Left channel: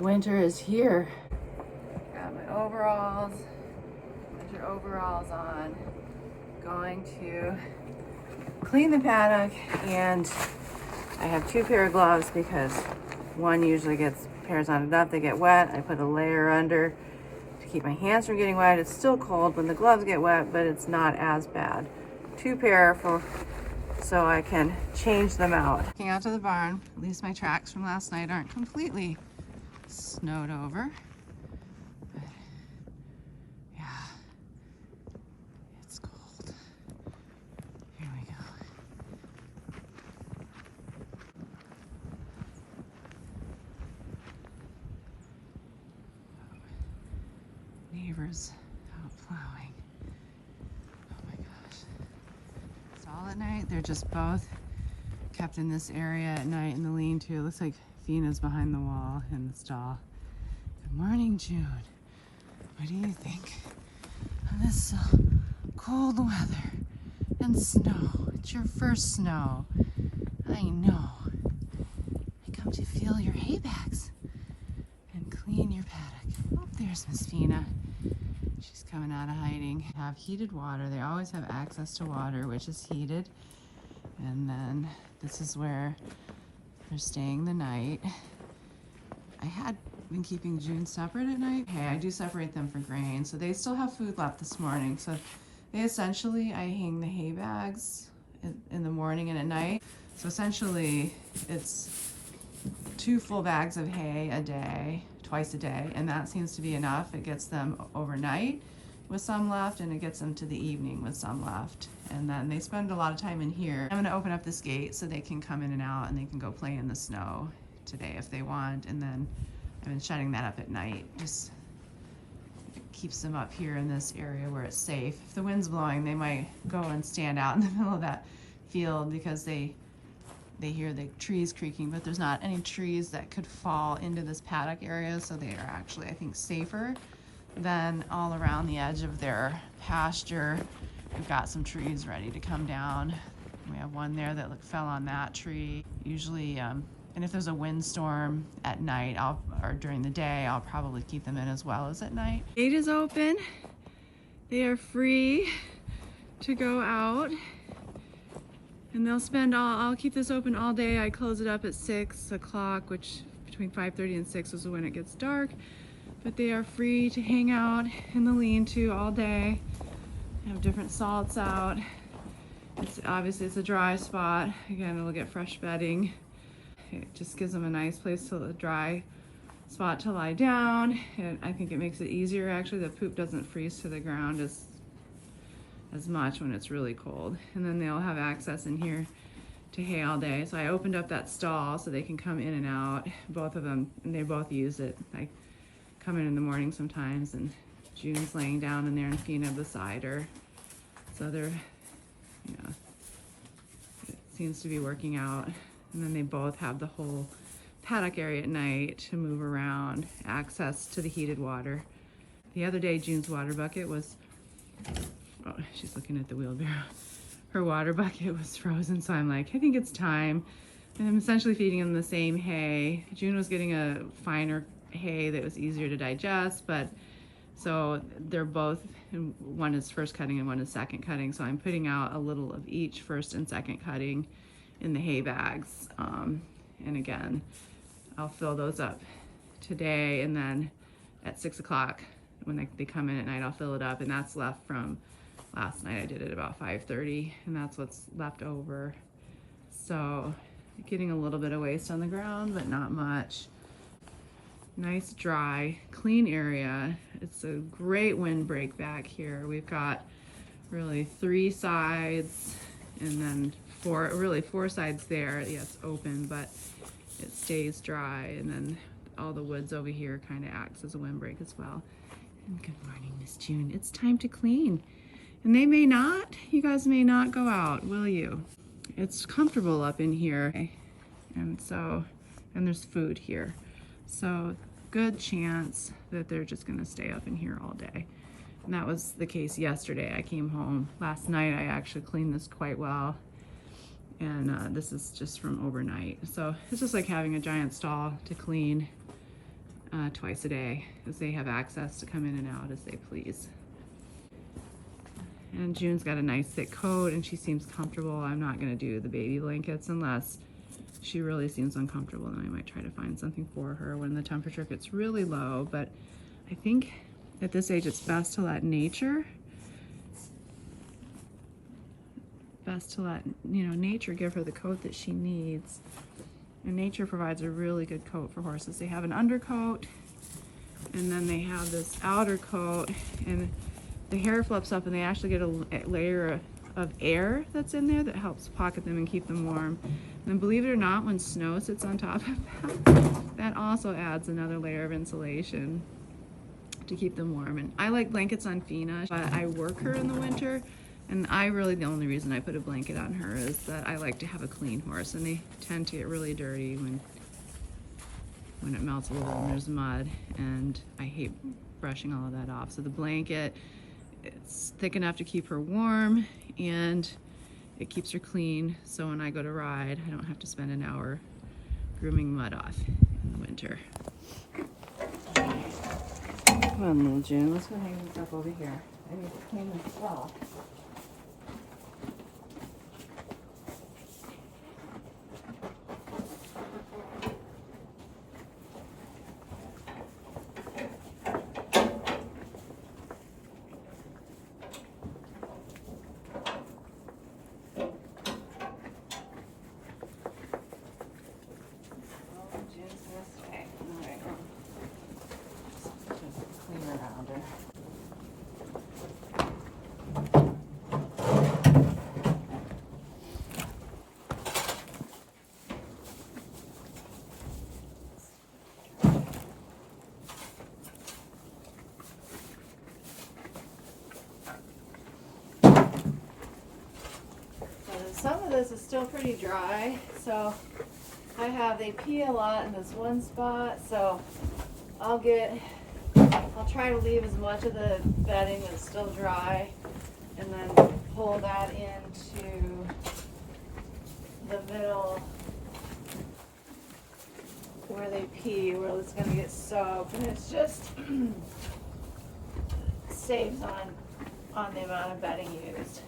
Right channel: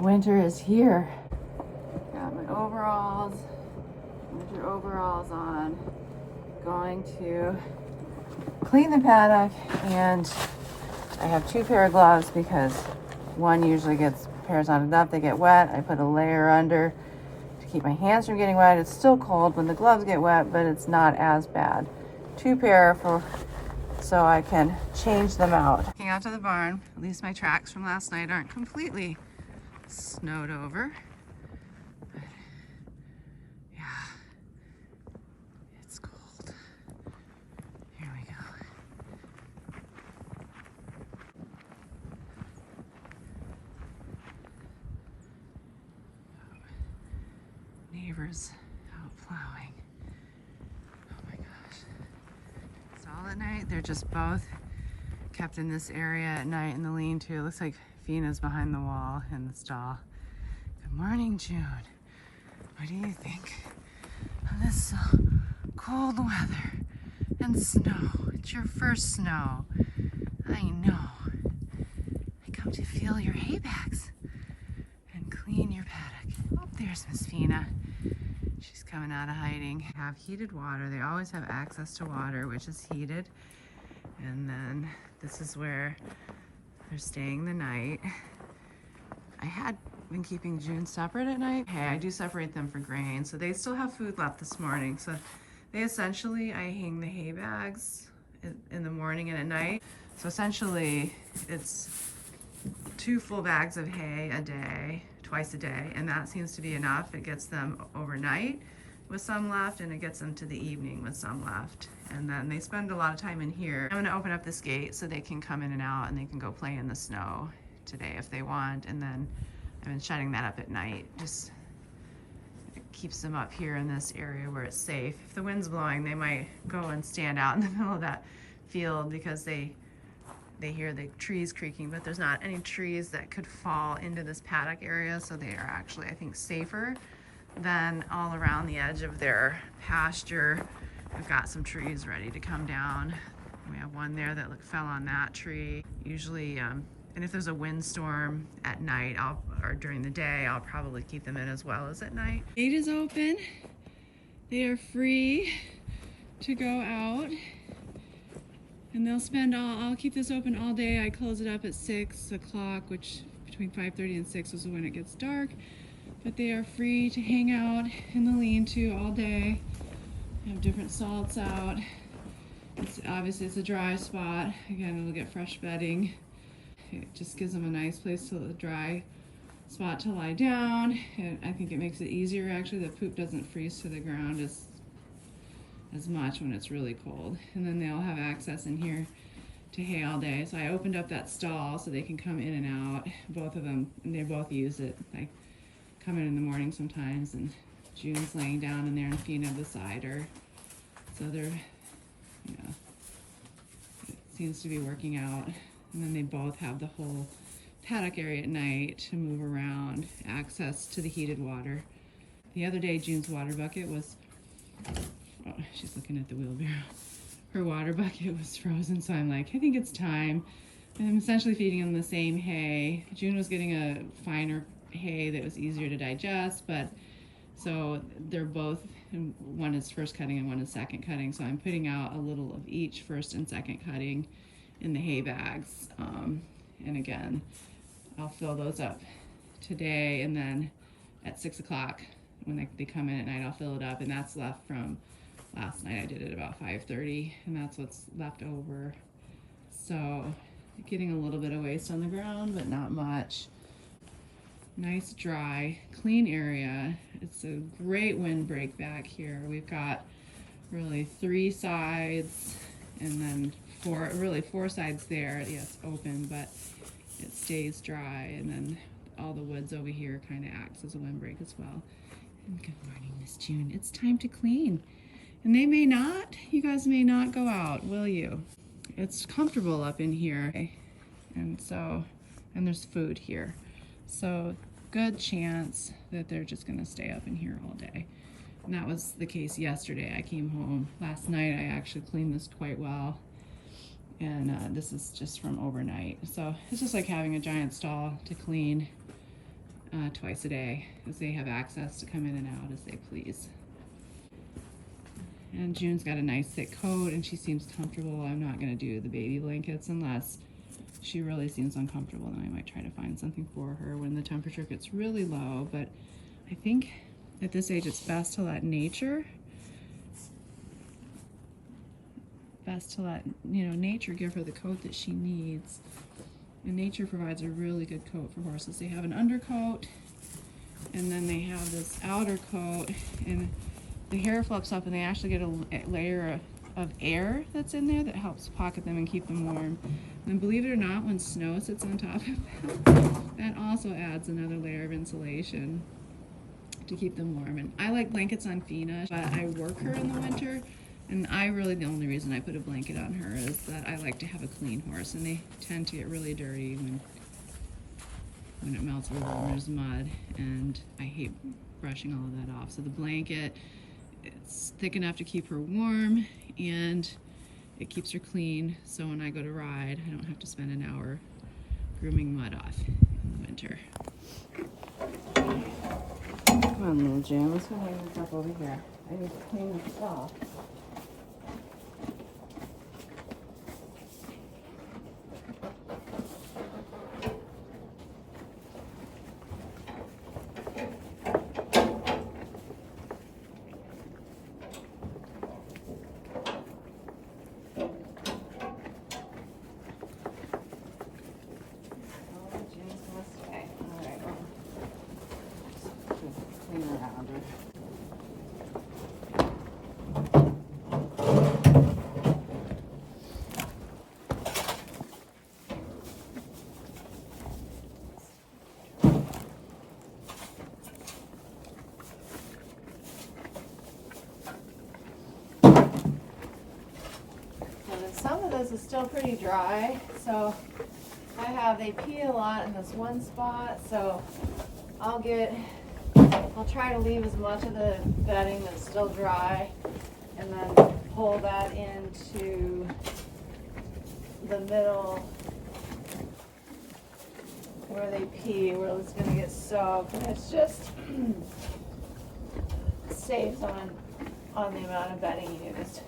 Winter is here. Got my overalls, winter overalls on. Going to clean the paddock, and I have 2 pair of gloves because one usually pairs on enough, they get wet. I put a layer under to keep my hands from getting wet. It's still cold when the gloves get wet, but it's not as bad. 2 pair so I can change them out. Walking out to the barn, at least my tracks from last night aren't completely snowed over. But yeah, it's cold. Here we go. Neighbors out plowing. Oh my gosh. It's all at night. They're just both kept in this area at night in the lean-to. It looks like Fina's behind the wall in the stall. Good morning, June. What do you think of this cold weather and snow? It's your first snow. I know. I come to feel your hay bags and clean your paddock. Oh, there's Miss Fina. She's coming out of hiding. Have heated water. They always have access to water, which is heated. And then this is where they're staying the night. I had been keeping June separate at night. Hey, I do separate them for grain, so they still have food left this morning. So I hang the hay bags in the morning and at night. So essentially, it's 2 full bags of hay a day, twice a day, and that seems to be enough. It gets them overnight with some left, and it gets them to the evening with some left. And then they spend a lot of time in here. I'm gonna open up this gate so they can come in and out, and they can go play in the snow today if they want. And then I've been shutting that up at night. Just it keeps them up here in this area where it's safe. If the wind's blowing, they might go and stand out in the middle of that field because they hear the trees creaking, but there's not any trees that could fall into this paddock area, so they are actually, I think, safer than all around the edge of their pasture. We've got some trees ready to come down. We have one there that fell on that tree. Usually, and if there's a windstorm at night or during the day, I'll probably keep them in as well as at night. Gate is open. They are free to go out. And they'll spend I'll keep this open all day. I close it up at 6 o'clock, which between 5:30 and 6 is when it gets dark. But they are free to hang out in the lean-to all day. I have different salts out. Obviously it's a dry spot. Again, it'll get fresh bedding. It just gives them a nice place to a dry spot to lie down. And I think it makes it easier actually. The poop doesn't freeze to the ground as much when it's really cold. And then they'll have access in here to hay all day. So I opened up that stall so they can come in and out, both of them, and they both use it. I come in the morning sometimes, and June's laying down in there and Fina beside her. So they're, it seems to be working out. And then they both have the whole paddock area at night to move around, access to the heated water. The other day, June's water bucket was, oh, she's looking at the wheelbarrow. Her water bucket was frozen, so I'm like, I think it's time. And I'm essentially feeding them the same hay. June was getting a finer hay that was easier to digest, but so they're both, one is first cutting and one is second cutting. So I'm putting out a little of each first and second cutting in the hay bags. And again, I'll fill those up today, and then at 6 o'clock when they come in at night, I'll fill it up, and that's left from last night. I did it about 5:30, and that's what's left over. So getting a little bit of waste on the ground, but not much. Nice, dry, clean area. It's a great windbreak back here. We've got really 3 sides, and then 4 sides there. Yes, open, but it stays dry, and then all the woods over here kind of acts as a windbreak as well. And good morning, Miss June. It's time to clean. And they may not, you guys may not go out, will you? It's comfortable up in here. And there's food here. So good chance that they're just gonna stay up in here all day. And that was the case yesterday. I came home last night. I actually cleaned this quite well. And this is just from overnight. So it's just like having a giant stall to clean. twice a day, because they have access to come in and out as they please. And June's got a nice thick coat and she seems comfortable. I'm not going to do the baby blankets unless she really seems uncomfortable, and I might try to find something for her when the temperature gets really low. But I think at this age it's best to let nature nature give her the coat that she needs. And nature provides a really good coat for horses. They have an undercoat, and then they have this outer coat, and the hair fluffs up and they actually get a layer of air that's in there that helps pocket them and keep them warm. And believe it or not, when snow sits on top of that, that also adds another layer of insulation to keep them warm. And I like blankets on Fina, but I work her in the winter, and the only reason I put a blanket on her is that I like to have a clean horse, and they tend to get really dirty when it melts a little and there's mud, and I hate brushing all of that off. So the blanket, it's thick enough to keep her warm, and it keeps her clean, so when I go to ride, I don't have to spend an hour grooming mud off in the winter. Come on, little June, let's go hang this up over here. I need to clean this off. Some of this is still pretty dry, so they pee a lot in this one spot, so I'll try to leave as much of the bedding that's still dry and then pull that into the middle where they pee, where it's going to get soaked, and it's just saves on the amount of bedding used.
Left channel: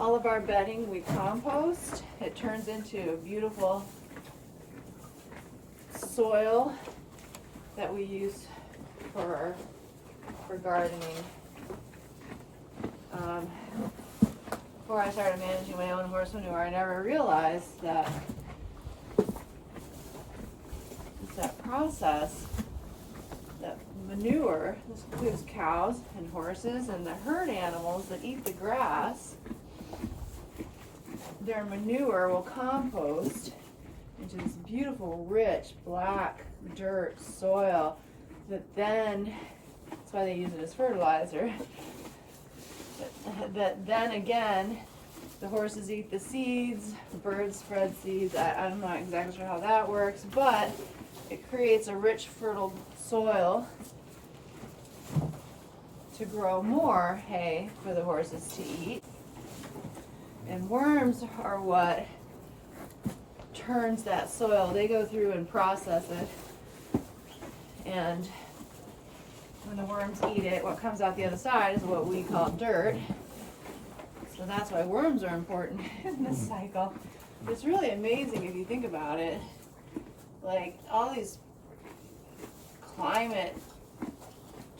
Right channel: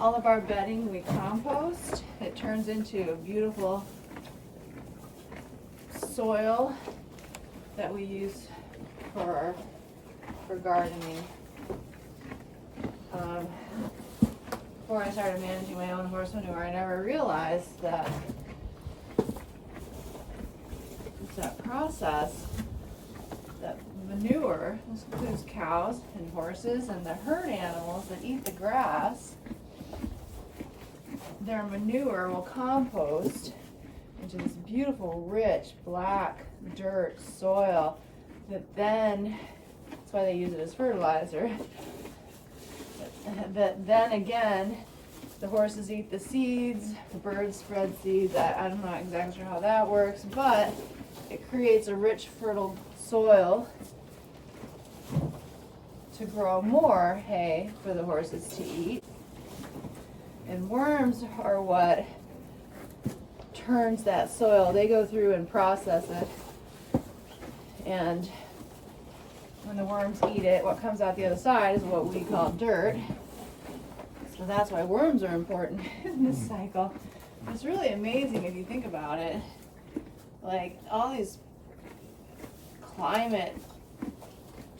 All of our bedding we compost. It turns into a beautiful soil that we use for gardening. Before I started managing my own horse manure, I never realized that process, that manure, this includes cows and horses and the herd animals that eat the grass. Their manure will compost into this beautiful, rich, black dirt soil that's why they use it as fertilizer. That then again, the horses eat the seeds, birds spread seeds. I'm not exactly sure how that works, but it creates a rich, fertile soil to grow more hay for the horses to eat. And worms are what turns that soil. They go through and process it. And when the worms eat it, what comes out the other side is what we call dirt. So that's why worms are important in this cycle. It's really amazing if you think about it. Like all these climate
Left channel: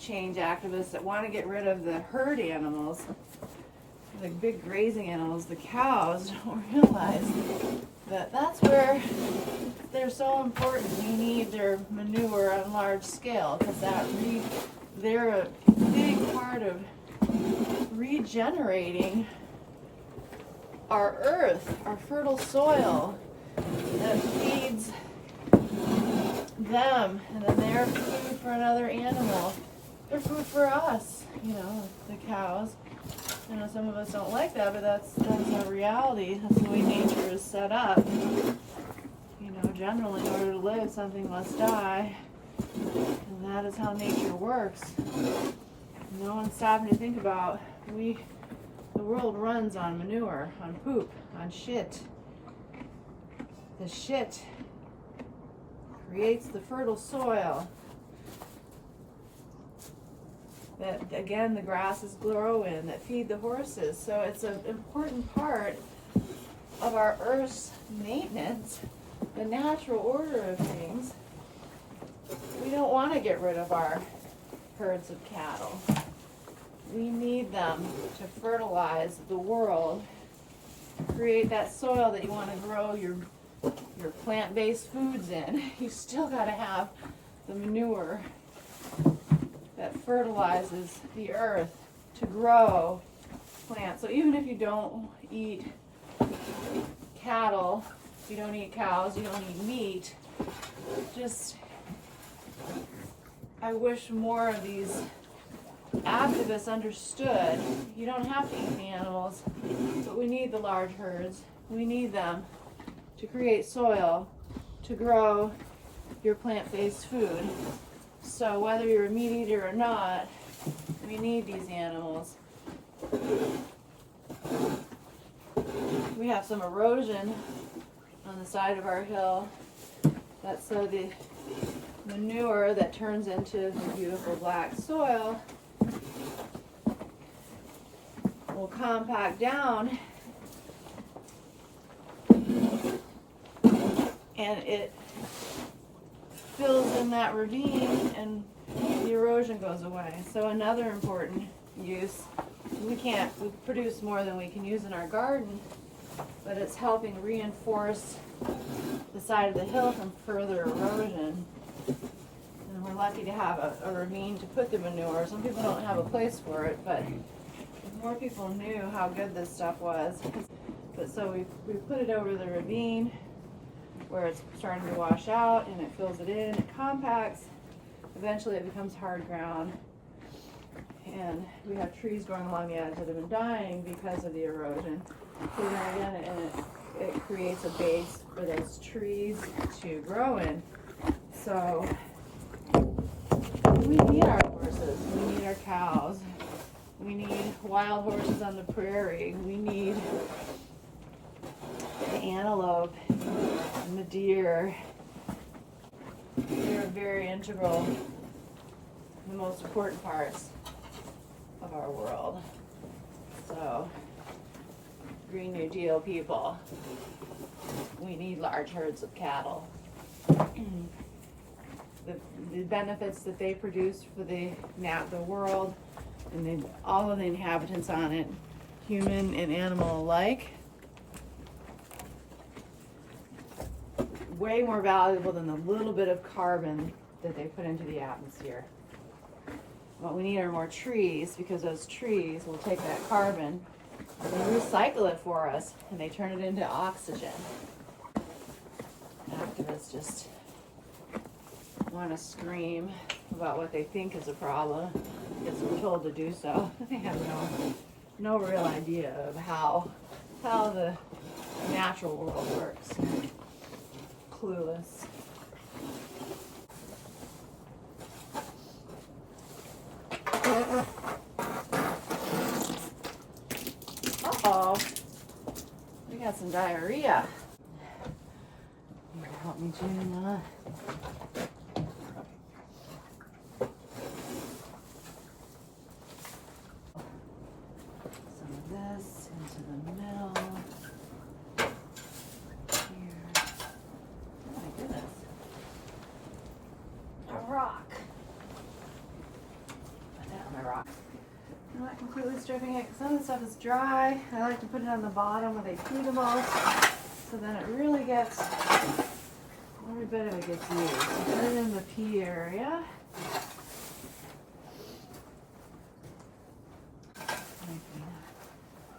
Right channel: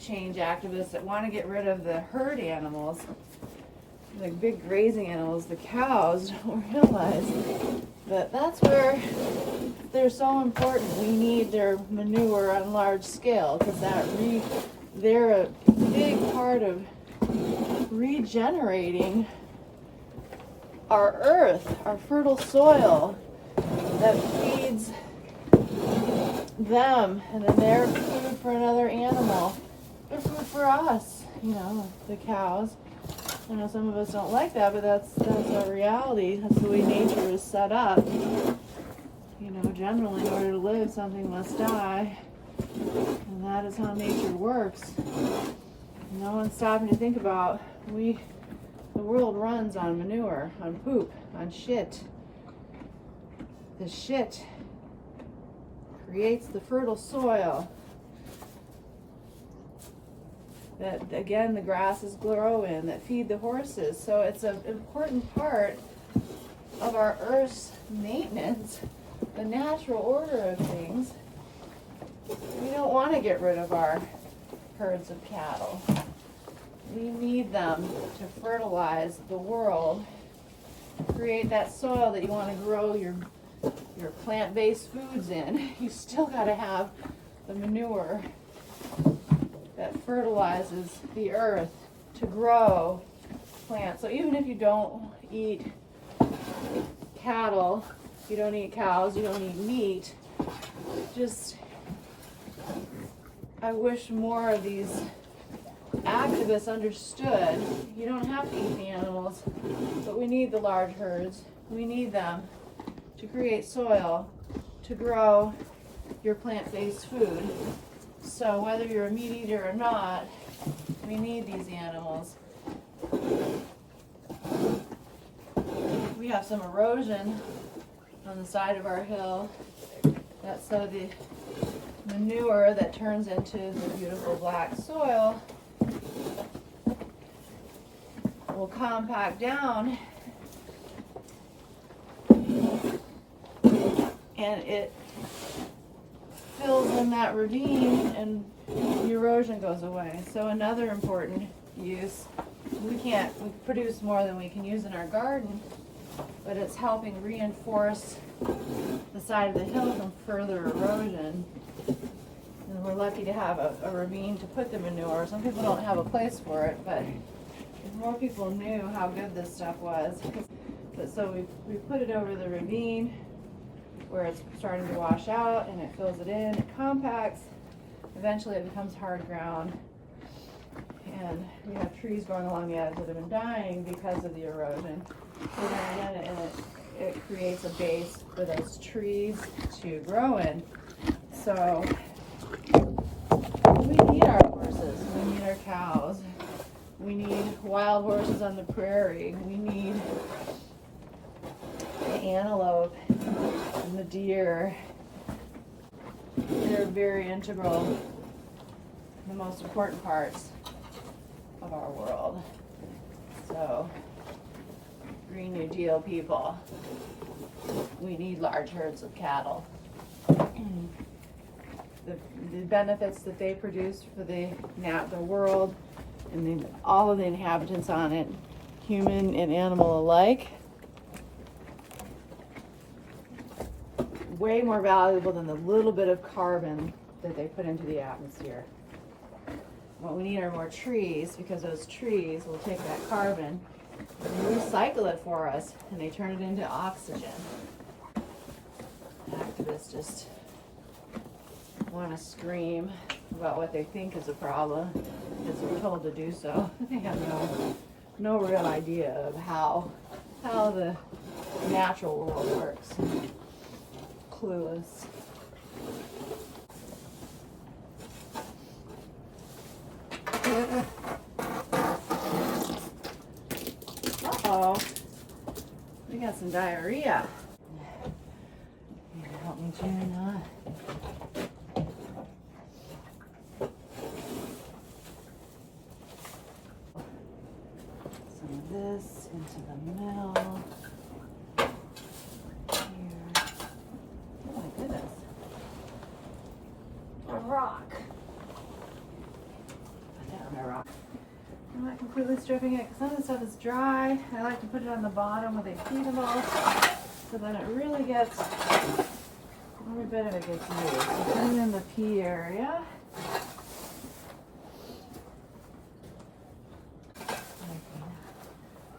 change activists that want to get rid of the herd animals, like big grazing animals, the cows, don't realize that that's where they're so important. We need their manure on large scale because they're a big part of regenerating our earth, our fertile soil that feeds them, and then they're food for another animal. They're food for us, the cows. I know some of us don't like that, but that's our reality. That's the way nature is set up. Generally, in order to live, something must die. And that is how nature works. No one's stopping to think about, the world runs on manure, on poop, on shit. The shit creates the fertile soil that, again, the grasses grow in, that feed the horses. So it's an important part of our Earth's maintenance, the natural order of things. We don't want to get rid of our herds of cattle. We need them to fertilize the world, to create that soil that you want to grow your plant-based foods in. You still got to have the manure that fertilizes the earth to grow plants. So even if you don't eat cattle, you don't eat cows, you don't eat meat, just, I wish more of these activists understood you don't have to eat the animals, but we need the large herds. We need them to create soil to grow your plant-based food. So whether you're a meat eater or not, we need these animals. We have some erosion on the side of our hill. That's so the manure that turns into the beautiful black soil will compact down, and it fills in that ravine and the erosion goes away. So another important use, we produce more than we can use in our garden, but it's helping reinforce the side of the hill from further erosion. And we're lucky to have a ravine to put the manure. Some people don't have a place for it, but if more people knew how good this stuff was. But so we put it over the ravine where it's starting to wash out, and it fills it in, it compacts. Eventually it becomes hard ground. And we have trees growing along the edge that have been dying because of the erosion. So it creates a base for those trees to grow in. So we need our horses, we need our cows, we need wild horses on the prairie, we need the antelope and the deer. They're very integral, the most important parts of our world. So, Green New Deal people, we need large herds of cattle. The benefits that they produce for the world and all of the inhabitants on it, human and animal alike, way more valuable than the little bit of carbon that they put into the atmosphere. What we need are more trees, because those trees will take that carbon and they recycle it for us, and they turn it into oxygen. Activists just want to scream about what they think is a problem because we're told to do so. They have no real idea of how the natural world works. Clueless. Uh-oh. We got some diarrhea. Here, help me, June. Some of this into the middle. Here. Oh my goodness. A rock. Put that on a rock. I'm not completely stripping it because some of the stuff is dry. I like to put it on the bottom where they feed the most, so then it really gets, every bit of it gets used. So put it in the pea area.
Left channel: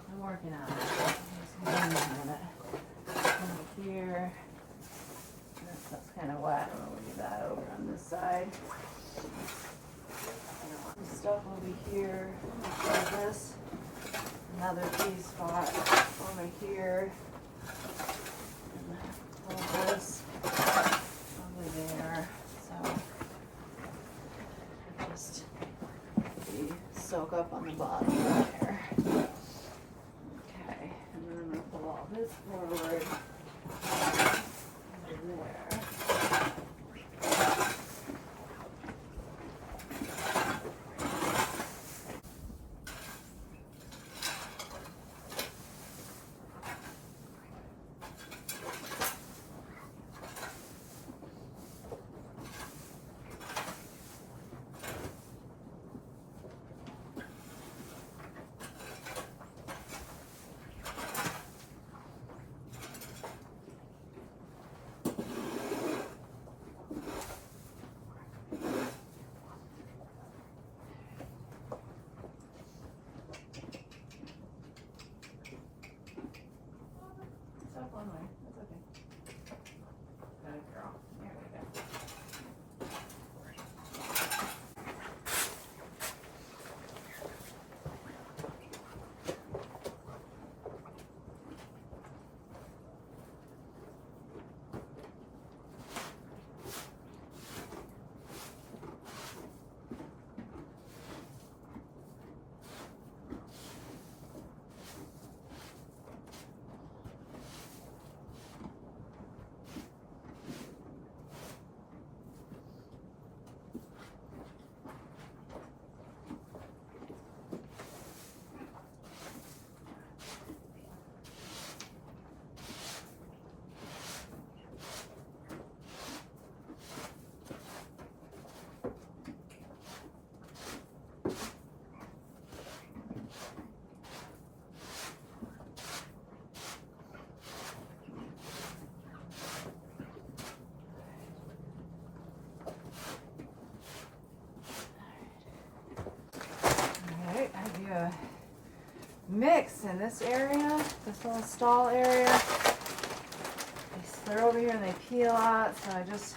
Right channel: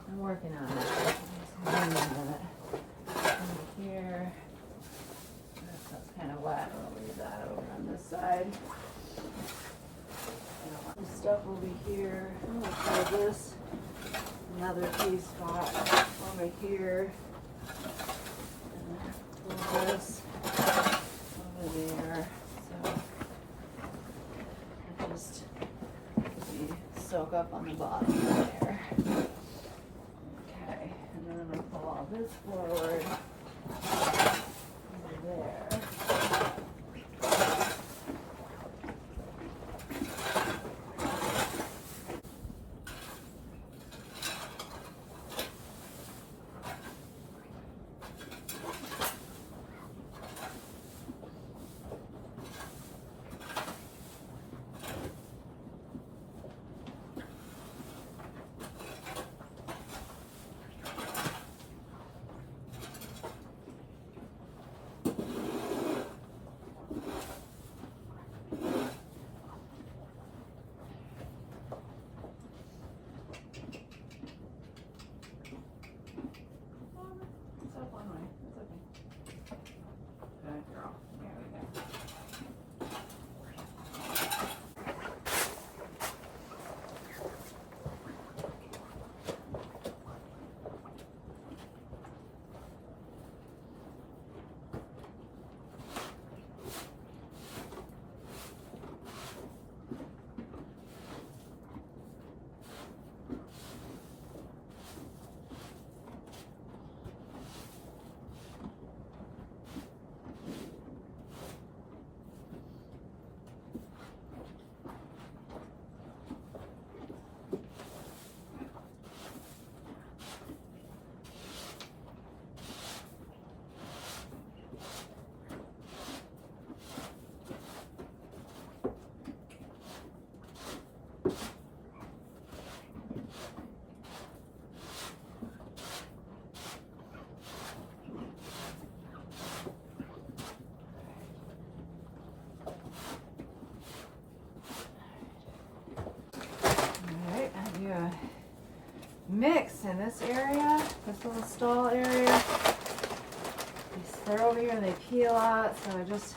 I'm working on it. Over here. That's kind of wet. I'm going to leave that over on this side. The stuff will be here. I'm going to try this. Another pea spot over here. And pull this over there. So it'll just soak up on the bottom there. Okay, and then I'm going to pull all this forward over there. mix in this area, this little stall area. They're over here and they pee a lot, so I just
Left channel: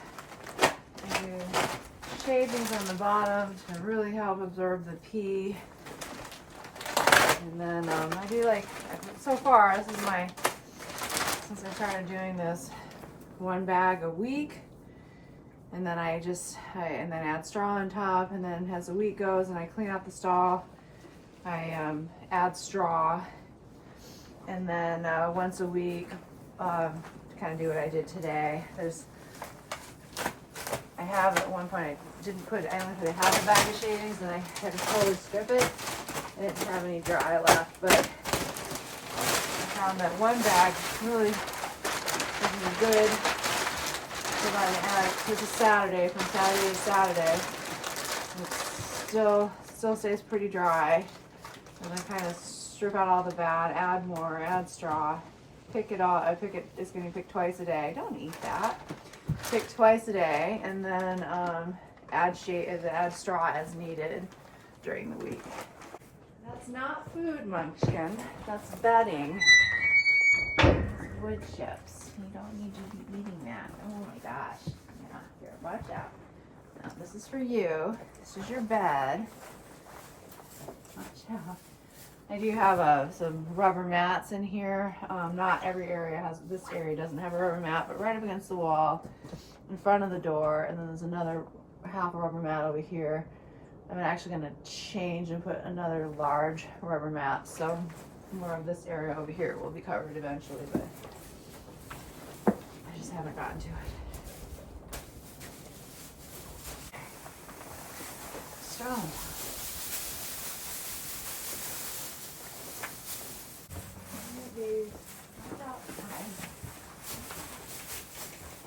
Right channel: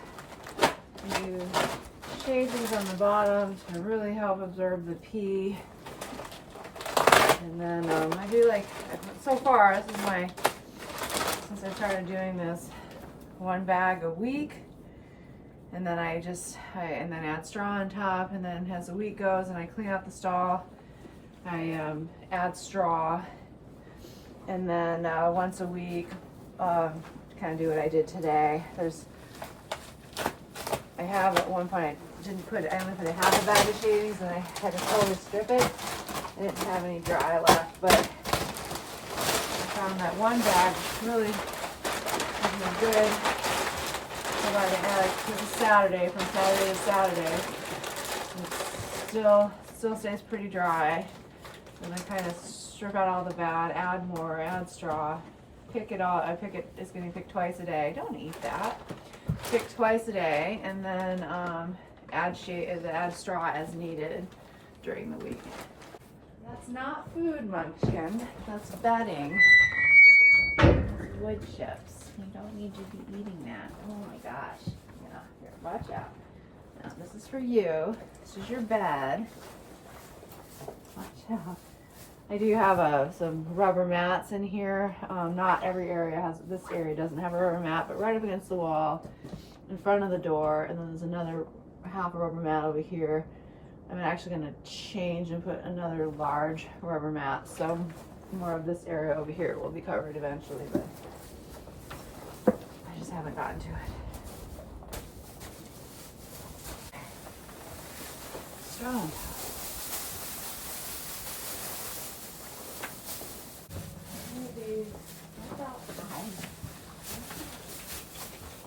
do shavings on the bottom to really help absorb the pee. And then I do like, so far, this is my, since I started doing this, 1 bag a week. And then I and then add straw on top, and then as the week goes and I clean out the stall, I add straw. And then once a week, kind of do what I did today. I have at one point, I only put a half a bag of shavings and I had to totally strip it. I didn't have any dry left, but I found that 1 bag really is good. This is Saturday, from Saturday to Saturday. It still stays pretty dry. And then kind of strip out all the bad, add more, add straw. Pick it all, it's getting picked twice a day. Don't eat that. Pick twice a day, and then add straw as needed during the week. That's not food, Munchkin. That's bedding. It's wood chips. You don't need to be eating that. Oh my gosh. Yeah, here, watch out. Now, this is for you. This is your bed. Watch out. I do have some rubber mats in here. Not every area has, this area doesn't have a rubber mat, but right up against the wall in front of the door, and then there's another half a rubber mat over here. I'm actually going to change and put another large rubber mat, so more of this area over here will be covered eventually, but I just haven't gotten to it. So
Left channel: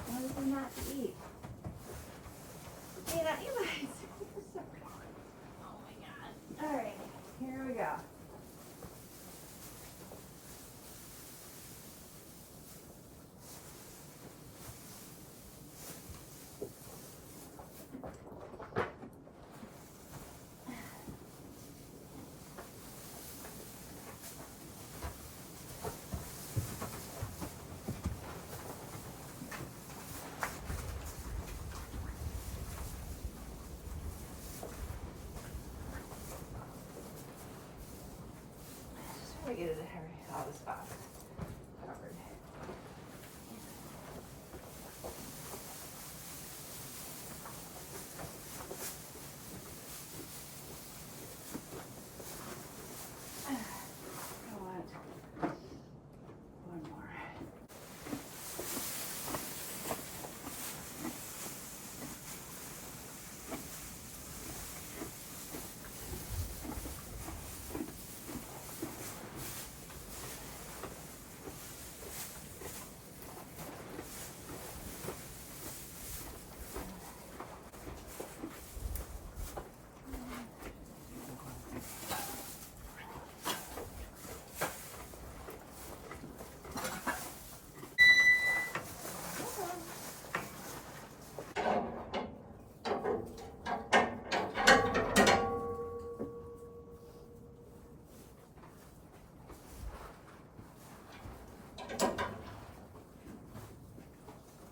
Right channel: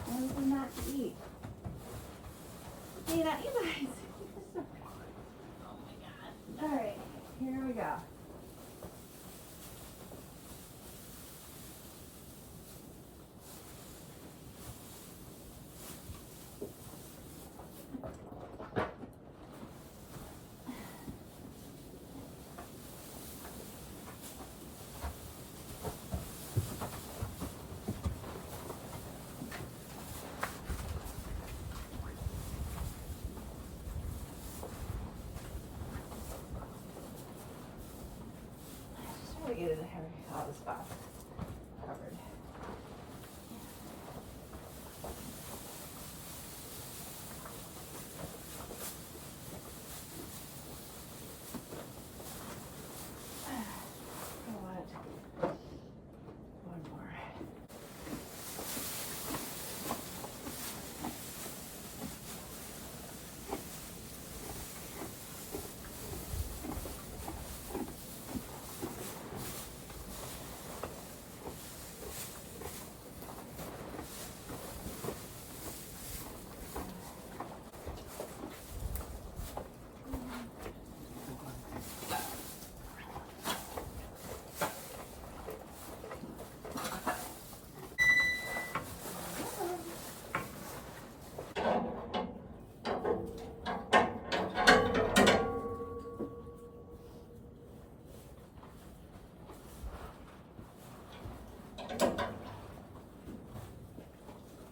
what is there not to eat? You know, you guys. Oh my god. Alright, here we go. Get it all the spots covered. I want one more.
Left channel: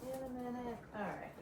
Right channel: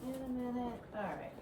In a minute. All right.